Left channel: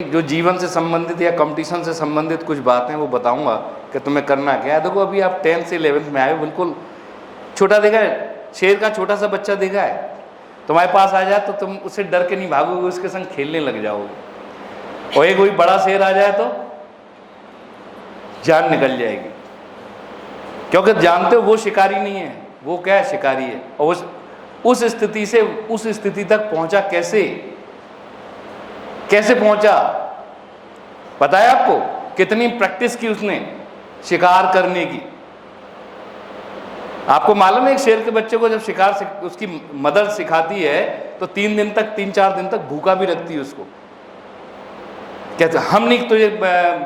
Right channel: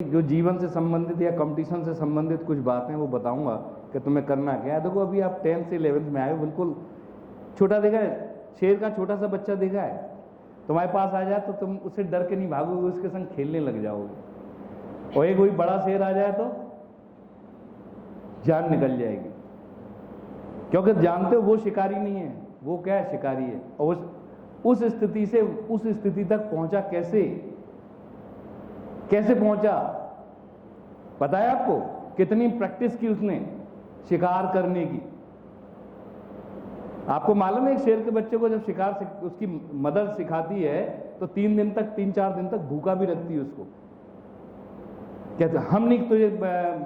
जो जीवन से संबंधित या कंपटीशन से संबंधित कुछ बातें वो बताऊंगा कि तुम्हें करना क्या है। देखो अभी आप 10th से 11th में आए हो, बिल्कुल छोटा देखा है, शेर का छोटा सा बच्चा देखा है, तुम्हारे पास आ जाए तो तुम उससे डर के नहीं भागोगे, उसके संग खेलने लग जाओगे। और एक कोई बड़ा शेर आ जाए तो जान निकल जाएगी, क्योंकि जानते हो वो शिकारी नहीं है, वो क्या है, शिकारी है। और उस स्थिति से उस स्थिति तक पहुंचा कैसे पहुंचा, पता है आपको? कितनी प्रैक्टिस की उसने शिकार करने की। आपको मालूम है एक शेर के बच्चे को जब शिकार उसकी मदर सिखाती है तो 3-4 दिन तक भूखा भी रखती है उसको। कहते हम नहीं तुझे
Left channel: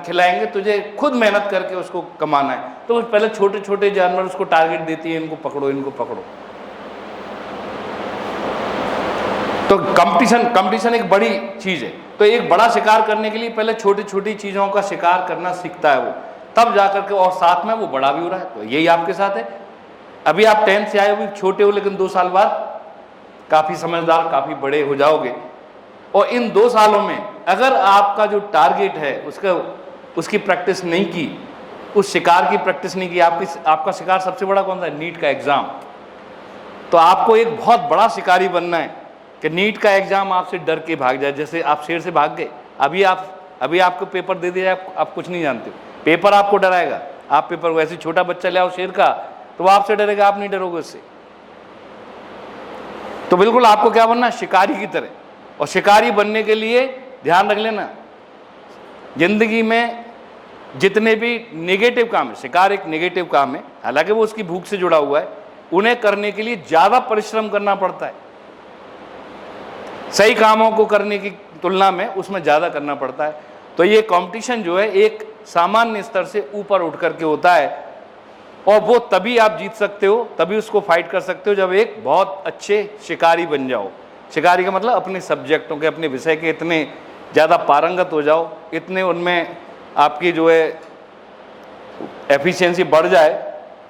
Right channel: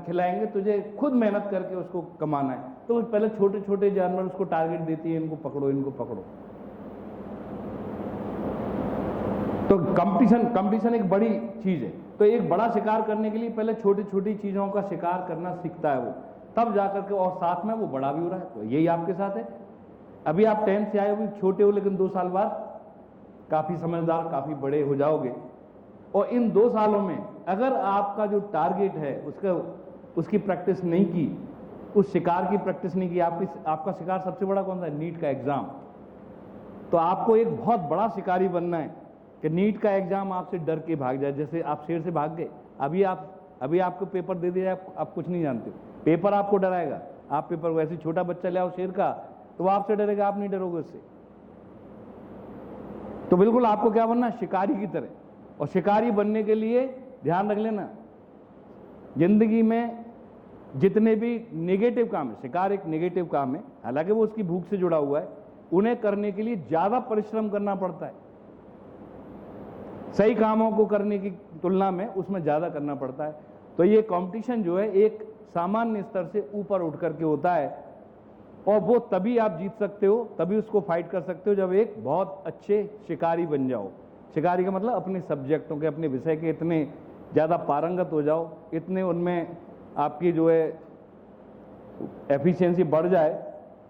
खिलाएंगे, तुझे खुद मेहनत करके उसको कमाना है। तो वो पहले छोटे छोटे जानवर उसको टारगेट देती है, इनको पकड़ो इनको पकड़ो। तो कंपटीशन एक बड़ी चीज है। तो एक बड़ा शिकार करने के लिए पहले छोटी छोटी चीजों का शिकार करना सीखता है वो, तब जाकर के, और साथ में वो बड़ा भी हो रहा है। तो यही आपके साथ है। अभी आप 10th से आए हो, छोटे हो, लेकिन 2 साल बाद काफी समझदार, काफी बड़े हो जाओगे। और इन 2 सालों में अगर आपका जो टारगेट है उसकी प्रैक्टिस नहीं की, उस शिकार की प्रैक्टिस नहीं की, आपका शिकार सबसे बड़ा कौन सा है? नीट का एग्जाम। तो आपको एक बहुत बड़ा शिकारी बनना है कि नीट का एग्जाम आपसे डर के भाग जाए, जैसे आप शेर से भाग गए। अभी आपको पेपर दे दिया, आप कुछ नहीं जानते हो, पेपर आपको डराएगा। आप पेपर वैसे छोटा बच्चा ले आओ शेर का, तो वो आपसे डरेगा, आप नहीं डरोगे उससे। तो बिल्कुल आपको क्या बनना है? शिकारी की तरह। और शिकारी बनने के लिए ध्यान रख लेना, जिंदगी में जितने भी नेगेटिव काम है, शिकार एक नेगेटिव काम है, हालांकि वो उसकी भूख से जुड़ा हुआ है, उन्हें करने के लिए ज्यादा परिश्रम करना पड़ता है। सही कामों को करने की तुलना में उसमें ज्यादा करना पड़ता है। तो ये कंपटीशन जो है एक सामान्य स्तर से ऊपर उठ करके होता है, और वो तभी आप जीत सकते हो, तभी उसको फाइट कर सकते हो जब एक बहुत अच्छे शिकारी बन जाओ। शिकारी का मतलब अपने सब्जेक्टों के, अपने विषय के इतने ज़्यादा पारंगत हो जाओ, इतने उनमें आपकी जो है एफिशिएंसी बढ़ जाए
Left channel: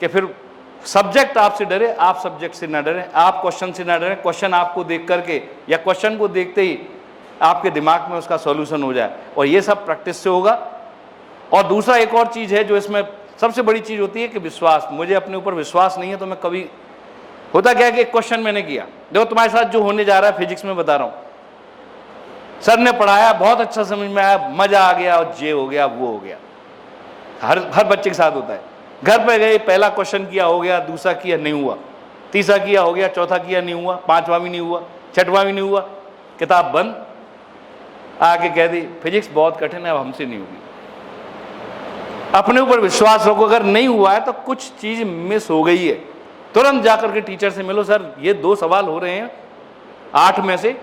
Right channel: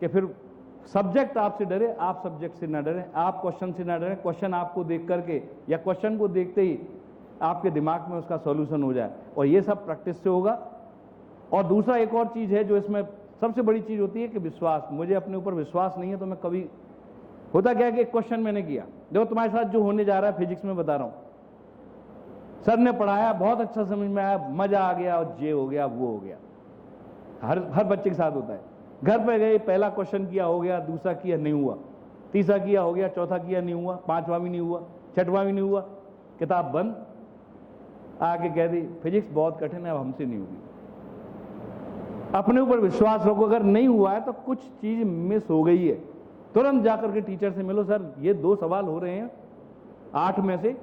कि फिर सब्जेक्ट आपसे डरे, आप सब्जेक्ट से ना डरें, आप क्वेश्चन से ना डरें, क्वेश्चन आपको देख करके या क्वेश्चन को देखते ही आपके दिमाग में उसका सॉल्यूशन हो जाए। और ये सब प्रैक्टिस से होगा। और दूसरा एक और चीज़ है जो इसमें सबसे बड़ी चीज़ होती है कि विश्वास। मुझे अपने ऊपर विश्वास नहीं है तो मैं कभी, होता क्या है कि एक क्वेश्चन मैंने किया, देखो तुम्हारे साथ जो होने जा रहा है फिजिक्स में बता रहा हूँ, सर ने पढ़ाया, बहुत अच्छा समझ में आया, मजा आ गया, और जे हो गया, वो हो गया। हर बच्चे के साथ होता है। घर पे गए, पहला क्वेश्चन किया, हो गया, दूसरा किया, नहीं हुआ, तीसरा किया, हो गया, चौथा किया, नहीं हुआ, 5वां भी नहीं हुआ, 6वां भी नहीं हुआ, किताब बंद। आके कह दी फिजिक्स बहुत कठिन है, अब हमसे नहीं होगी। अपने ऊपर विश्वास रखो, अगर नहीं हुआ है तो कुछ चीज मिस हो गई है, तुरंत जाकर के टीचर से मिलो, सर ये 2 सवाल हो रहे हैं 8 में से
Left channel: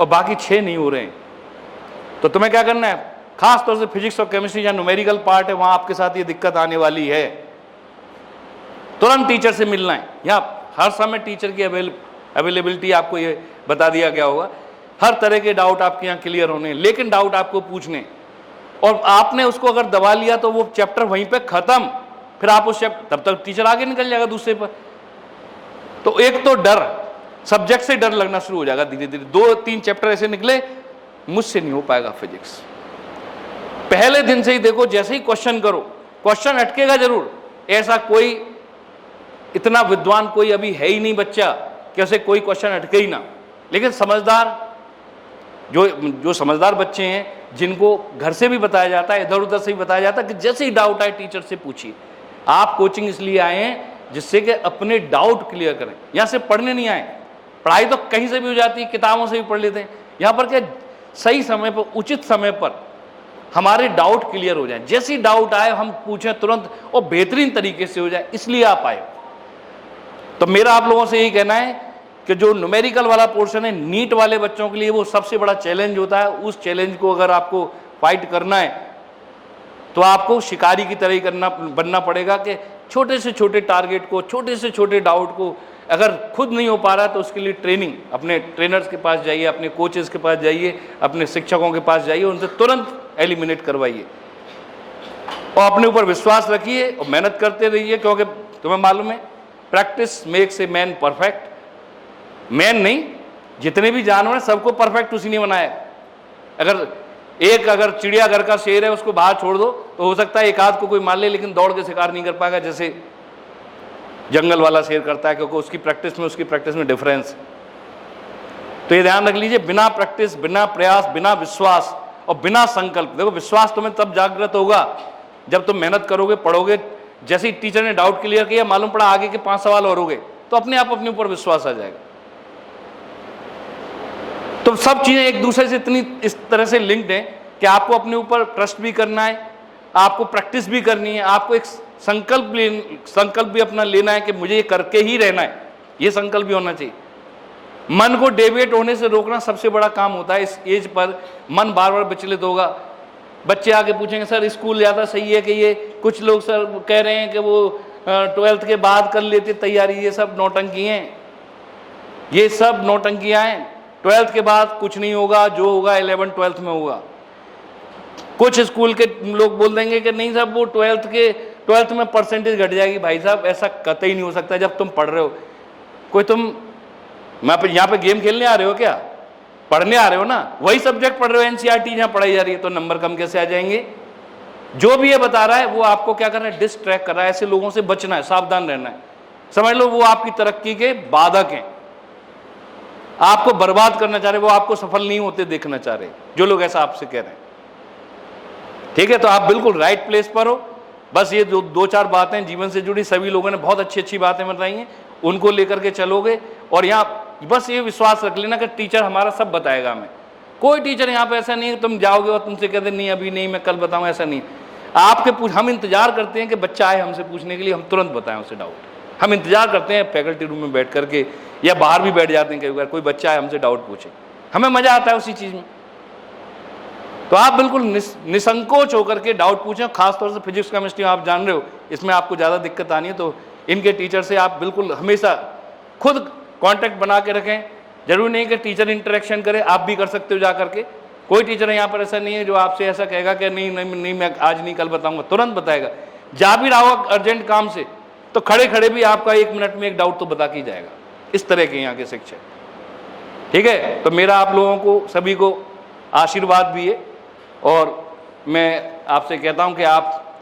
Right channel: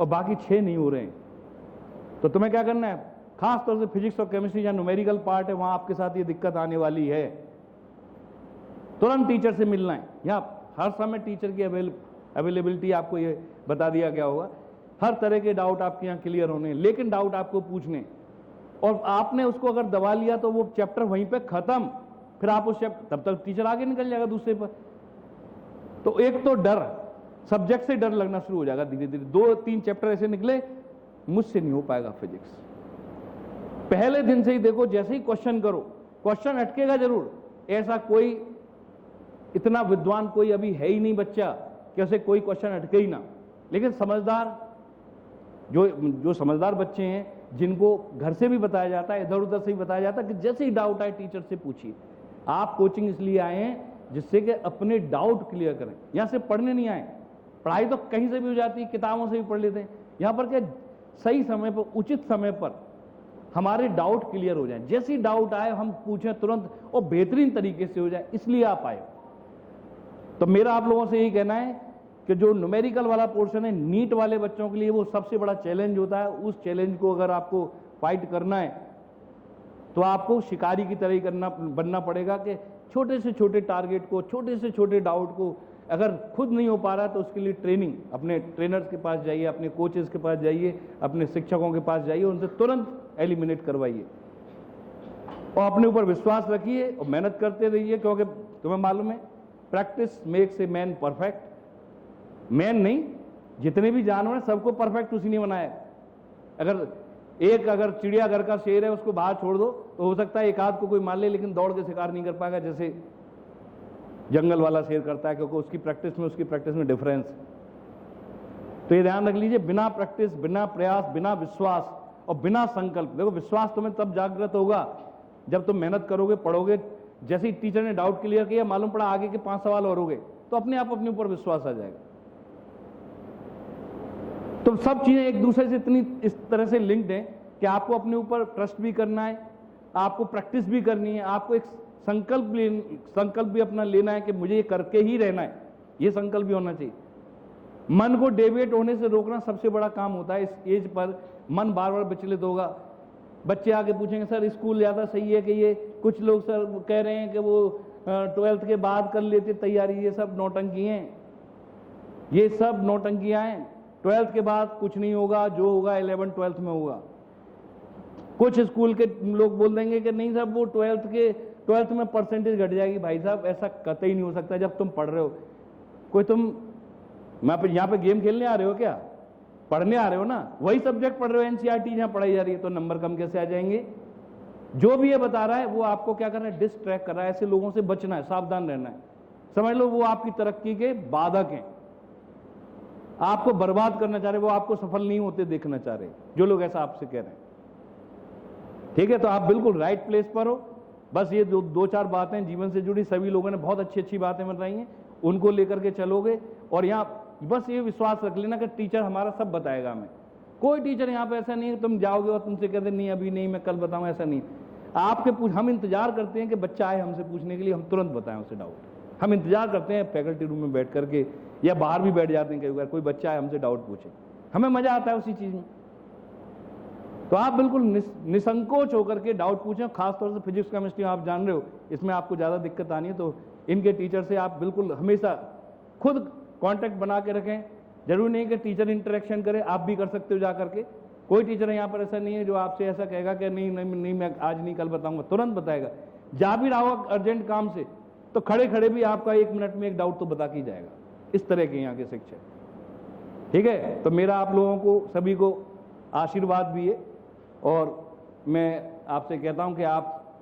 और बाकी 6 नहीं हो रहे हैं। तो तुम्हें क्या करना है? खास तौर से फिजिक्स और केमिस्ट्री जहां न्यूमेरिकल पार्ट है, वहां आपके साथ ये दिक्कत आने वाली है, तुरंत टीचर से मिलना है। यहाँ हर समय टीचर की अवेलेबिलिटी आपको ये बता दिया गया होगा। हर तरह के डाउट आपके यहाँ क्लियर होने, लेकिन डाउट आपको पूछने, और आपने उसको अगर दबा लिया तो वो चैप्टर वहीं पे खत्म, फिर आप उस चैप्टर, तब तक टीचर आगे निकल जाएगा दूसरे पर। तो एक तो डर, सब्जेक्ट से डर लगना शुरू हो जाएगा धीरे धीरे। 2-3 चैप्टर ऐसे निकले, मुझसे नहीं हो पाएगा फिजिक्स। पहले दिन से ही देखो, जैसे ही क्वेश्चन करो, क्वेश्चन अटकेगा जरूर। ऐसा कोई इतना विद्वान कोई अभी है ही नहीं बच्चा कि उसे कोई क्वेश्चन अटके ही ना। लेकिन समझदार जो समझदार बच्चे हैं, जिनको घर से भी बताया जाता है, इधर उधर से भी बताया जाता है कि जैसे ही डाउट आए टीचर से पूछिए। आप कोचिंग इसलिए आए हैं जिससे कि अपने डाउट क्लियर करें। यहाँ से पढ़ने नहीं आए, पढ़ाई तो कहीं से भी हो जाती है, किताबों से भी पढ़ लेते हैं। यहाँ पर क्या, सही समय पर, उचित समय पर हमारे डाउट क्लियर हो जाए। जैसे ही डाउट आए हम पूछें तुरंत, और बेहतरीन तरीके से हो जाए, इसलिए आप आए। तो मेरा आप लोगों से यही कहना है कि जो न्यूमेरिकल वाला पोर्शन है, नीट वाले बच्चों के लिए वो सबसे बड़ा चैलेंज होता है। उस चैलेंज को अगर आपको फाइट करना है तो आपको शिकारी की तरह ही बनना पड़ेगा कि छोटे से छोटे टारगेट को, छोटे से छोटे डाउट को, अगर खुद नहीं हो पा रहा तो उसके लिए ट्रेनिंग, अपने ट्रेनर्स के पास जाइए, अपने कोचेस के पास जाइए, अपने शिक्षकों के पास जाइए, उनसे तुरंत एलिमिनेट करवाइए। और अपने ऊपर विश्वास रखिए और मेहनत करते रहिए, क्योंकि तुम्हें मालूम है practice makes a man perfect. Man नहीं, जितने भी जानवर हैं सबको परफेक्ट उसी ने बनाया। अगर एक अगर चिड़ियाघर का शेर है उसको बाहर छोड़ दो तो हो सकता है एक आध को कोई मार ले, लेकिन दौड़ के शिकार नहीं कर पाएगा जैसे जंगल वाला शेर करता है, क्योंकि उसकी प्रैक्टिस में डिफरेंस। तो ये ध्यान रख लीजिए, बिना प्रैक्टिस, बिना प्रयास, बिना विश्वास और बिना संकल्प, देखो विश्वास तुम्हें तब जागृत होगा जब तुम मेहनत करोगे, पढ़ोगे। जैसे ही टीचर ने डाउट क्लियर किया, मालूम पड़ा आगे के 5 सवाल और हो गए, तो अपने आप अपने ऊपर विश्वास आ जाएगा। तो सब चीजें एक दूसरे से इतनी इस तरह से लिंक्ड हैं कि आपको अपने ऊपर ट्रस्ट भी करना है, आपको प्रैक्टिस भी करनी है, आपको एक संकल्प भी अपना लेना है कि मुझे ये करके ही रहना है, ये संकल्प भी होना चाहिए। मन को डेविएट होने से रोकना सबसे बड़ा काम होता है। इस एज पर मन बार बार विचलित होगा। बच्चे आगे पूछेंगे सर स्कूल ज़्यादा सही है कि ये, कुछ लोग सर कह रहे हैं कि वो 12th के बाद कर लेते तैयारी। ये सब नौटंकी हैं, ये सब नौटंकियाँ हैं। 12th के बाद कुछ नहीं होगा, जो होगा 11th 12th में होगा। कुछ स्कूल के लोग बोल देंगे कि नहीं साहब वो 12th में परसेंटेज घट जाएगी। भाई साहब ऐसा कतई नहीं हो सकता। जब तुम पढ़ रहे हो, कोई तुम यहाँ पे गेम खेलने आ रहे हो क्या? पढ़ने आ रहे हो ना, वही सब्जेक्ट पढ़ रहे हो, एनसीईआरटी जहाँ पढ़ाई जा रही है, तो नंबर कम कैसे आ जाएंगे? जो भी ये बता रहा है वो आपको क्या करना है, डिस्ट्रैक्ट कर रहा है। ऐसे लोगों से बचना है, सावधान रहना है। समझ लो वो आपकी तरक्की के बाधक हैं, आपको बर्बाद करना चाह रहे, वो आपको सफल नहीं होते देखना चाह रहे, जो लोग ऐसा आपसे कह रहे हैं। ठीक है, तो आप बिल्कुल राइट प्लेस पर हो। बस ये दो चार बातें जीवन से जुड़ी सभी लोगों ने बहुत अच्छी अच्छी बातें बताई हैं, उनको लेकर के चलोगे। और यहाँ बस ये विश्वास रख लेना कि टीचर हमारा सब बताएगा हमें। कोई टीचर यहाँ पे ऐसा नहीं है तुम जाओगे और तुमसे कहते नहीं अभी नहीं, मैं कल बताऊँ, ऐसा नहीं। हम इंतजार करते हैं कि बच्चा आए हमसे पूछने के लिए, हम तुरंत बताएं उसे डाउट। हम इंतजार करते हैं फैकल्टी रूम में बैठ करके, या बाहर भी बैठ जाते हैं कई बार, कोई बच्चा आए हमसे डाउट पूछे, हमें मजा आता है उसी चीज़ में। तो आप बिल्कुल निसंकोच होकर के डाउट पूछें। खासतौर से फिजिक्स केमिस्ट्री आप जान रहे हो, इसमें आपको ज़्यादा दिक्कत आनी है, तो इनके टीचर से आप बिल्कुल हमेशा खुद कांटेक्ट बना के रखें। जरूरी नहीं कि टीचर इंटरेक्शन करे, आप भी कर सकते हो जा करके। कोई टीचर यहाँ पर ऐसा नहीं है जो आपसे ऐसा कहेगा कि नहीं मैं आज नहीं कल बताऊंगा, तुरंत बताएगा। जा भी रहा हो अर्जेंट काम से तो खड़े खड़े भी आपका 1 मिनट में एक डाउट तो बता के जाएगा। इस तरह के यहाँ के शिक्षक। ठीक है, तो मेरा आप लोगों को सभी को आशीर्वाद भी है, और मैं आपसे कहता हूँ कि आप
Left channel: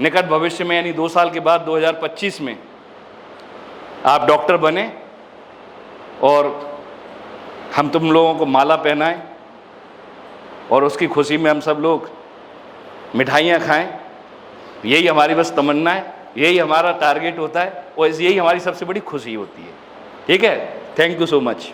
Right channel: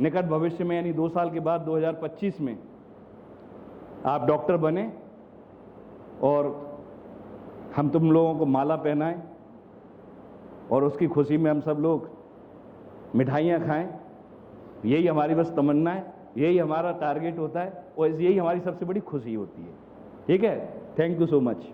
निकट भविष्य में यानी 2 साल के बाद 2025 में आप डॉक्टर बने और हम तुम लोगों को माला पहनाएं और उसकी खुशी में हम सब लोग मिठाइयाँ खाएं। यही हमारी बस तमन्ना है, यही हमारा टारगेट होता है, और यही हमारी सबसे बड़ी खुशी होती है। ठीक है, थैंक यू सो मच।